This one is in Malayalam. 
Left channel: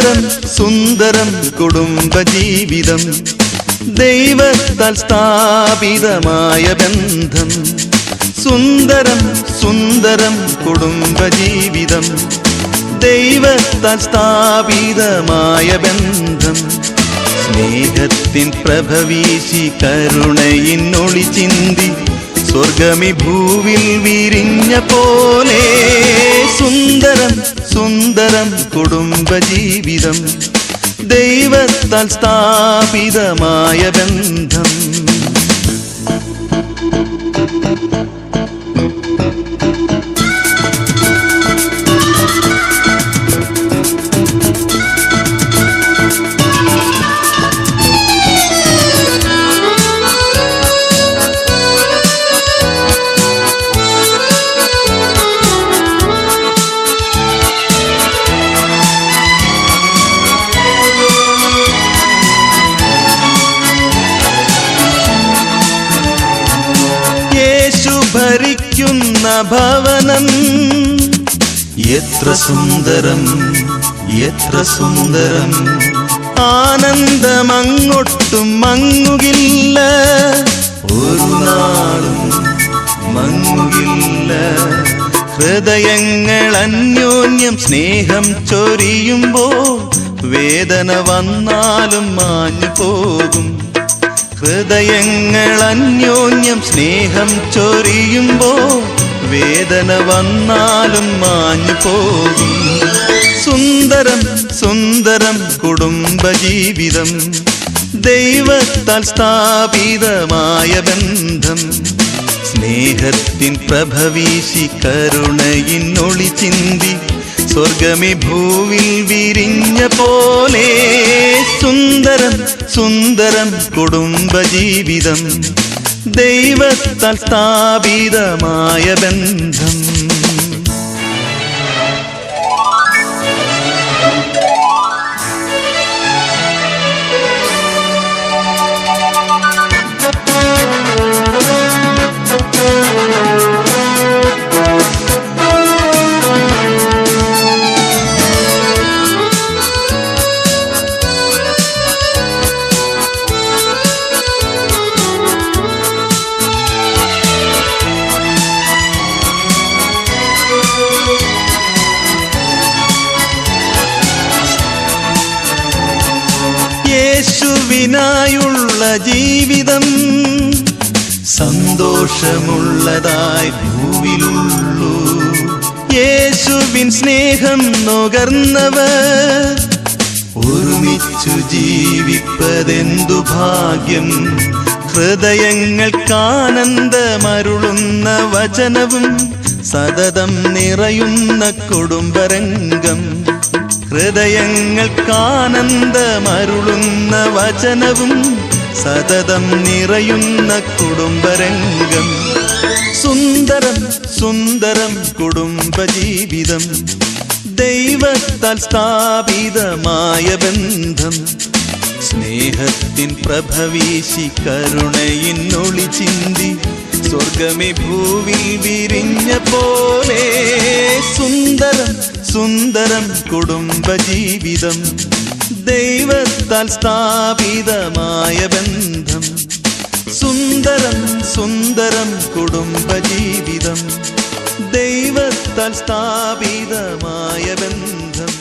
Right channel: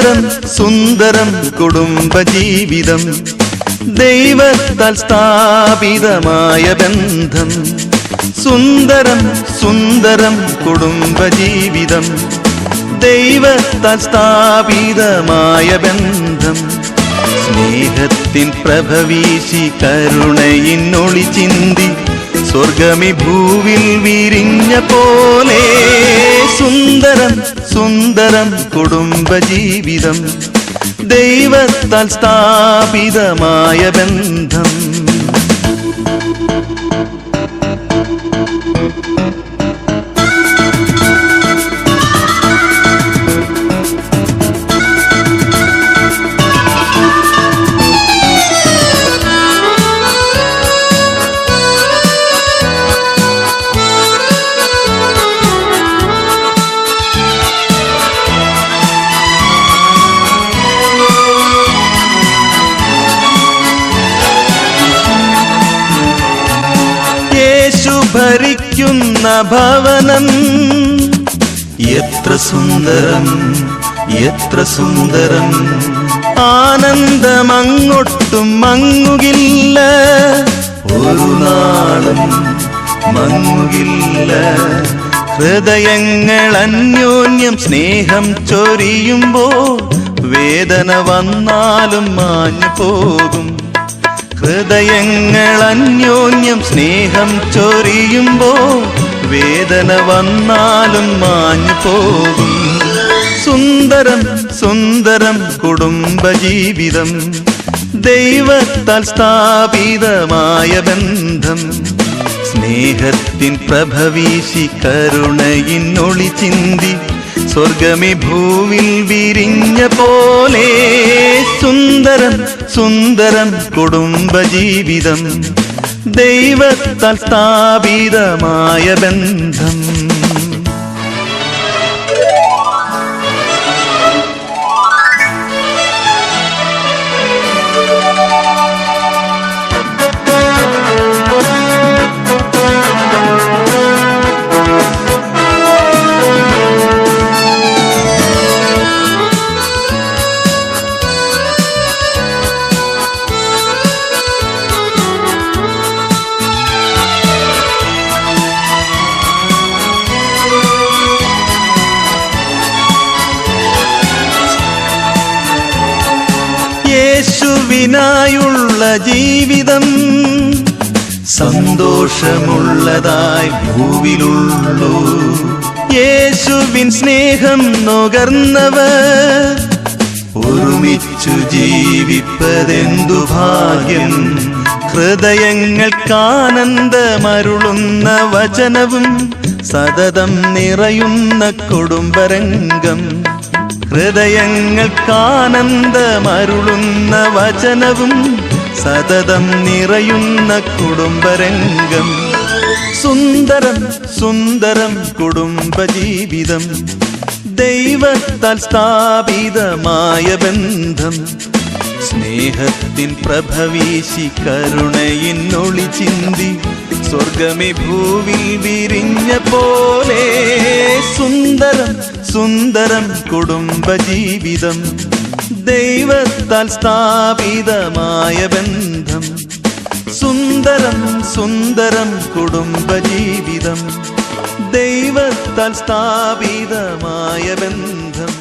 സുന്ദരം സുന്ദരം കുടുംബജീവിതം, ദൈവത്താൽ സ്ഥാപിതമായ ബന്ധം. സുന്ദരം സുന്ദരം കുടുംബജീവിതം, ദൈവത്താൽ സ്ഥാപിതമായ ബന്ധം. സ്നേഹത്തിൻ പ്രഭവീശി കരുണയിന്നൊളി ചിന്തി സ്വർഗമി ഭൂവിൽ വിരിഞ്ഞ പോലെ. സുന്ദരം സുന്ദരം കുടുംബജീവിതം, ദൈവത്താൽ സ്ഥാപിതമായ ബന്ധം. ഭരിക്കുന്ന ഭവനം എത്ര സുന്ദരം എത്ര സുന്ദരം, ആനന്ദമങ്ങൊട്ടും മങ്ങുകില്ല, ഒരു നാളും മങ്ങുകില്ല. ഹൃദയങ്ങൾ അന്യോന്യം സ്നേഹം ചൊരിയുമ്പോൾ വേദന വന്നാലും മാഞ്ഞു പോകും. ഹൃദയങ്ങൾ അന്യോന്യം സ്നേഹം ചൊരിയുമ്പോൾ വേദന വന്നാലും മാഞ്ഞു പോകും. സുന്ദരം സുന്ദരം കുടുംബജീവിതം, ദൈവത്താൽ സ്ഥാപിതമായ ബന്ധം. സ്നേഹത്തിൻ പ്രഭവീശി കരുണയിന്നൊളി ചിന്തി സ്വർഗമി ഭൂവിൽ വിരിഞ്ഞ പോലെ. സുന്ദരം സുന്ദരം കുടുംബജീവിതം, ദൈവത്താൽ സ്ഥാപിതമായ ബന്ധം. യേശുവിനായുള്ള ജീവിതം സന്തോഷമുള്ളതായി ഭൂവിലുള്ളൂ. യേശുവിൻ സ്നേഹം നുകർന്നവർ ഒരുമിച്ചു ജീവിപ്പതെന്തു ഭാഗ്യം. ഹൃദയങ്ങൾക്കാനന്ദമരുളുന്ന വചനവും സതതം നിറയുന്ന കുടുംബരംഗം. ഹൃദയങ്ങൾക്കാനന്ദമരുളുന്ന വചനവും സതതം നിറയുന്ന കുടുംബരംഗം. സുന്ദരം സുന്ദരം കുടുംബജീവിതം, ദൈവത്താൽ സ്ഥാപിതമായ ബന്ധം. സ്നേഹത്തിൻ പ്രഭവീശി കരുണയിന്നൊളി ചിന്തി സ്വർഗമി ഭൂവിൽ വിരിഞ്ഞ പോലെ. സുന്ദരം സുന്ദരം കുടുംബജീവിതം, ദൈവത്താൽ സ്ഥാപിതമായ ബന്ധം. സുന്ദരം സുന്ദരം കുടുംബജീവിതം, ദൈവത്താൽ സ്ഥാപിതമായ ബന്ധം.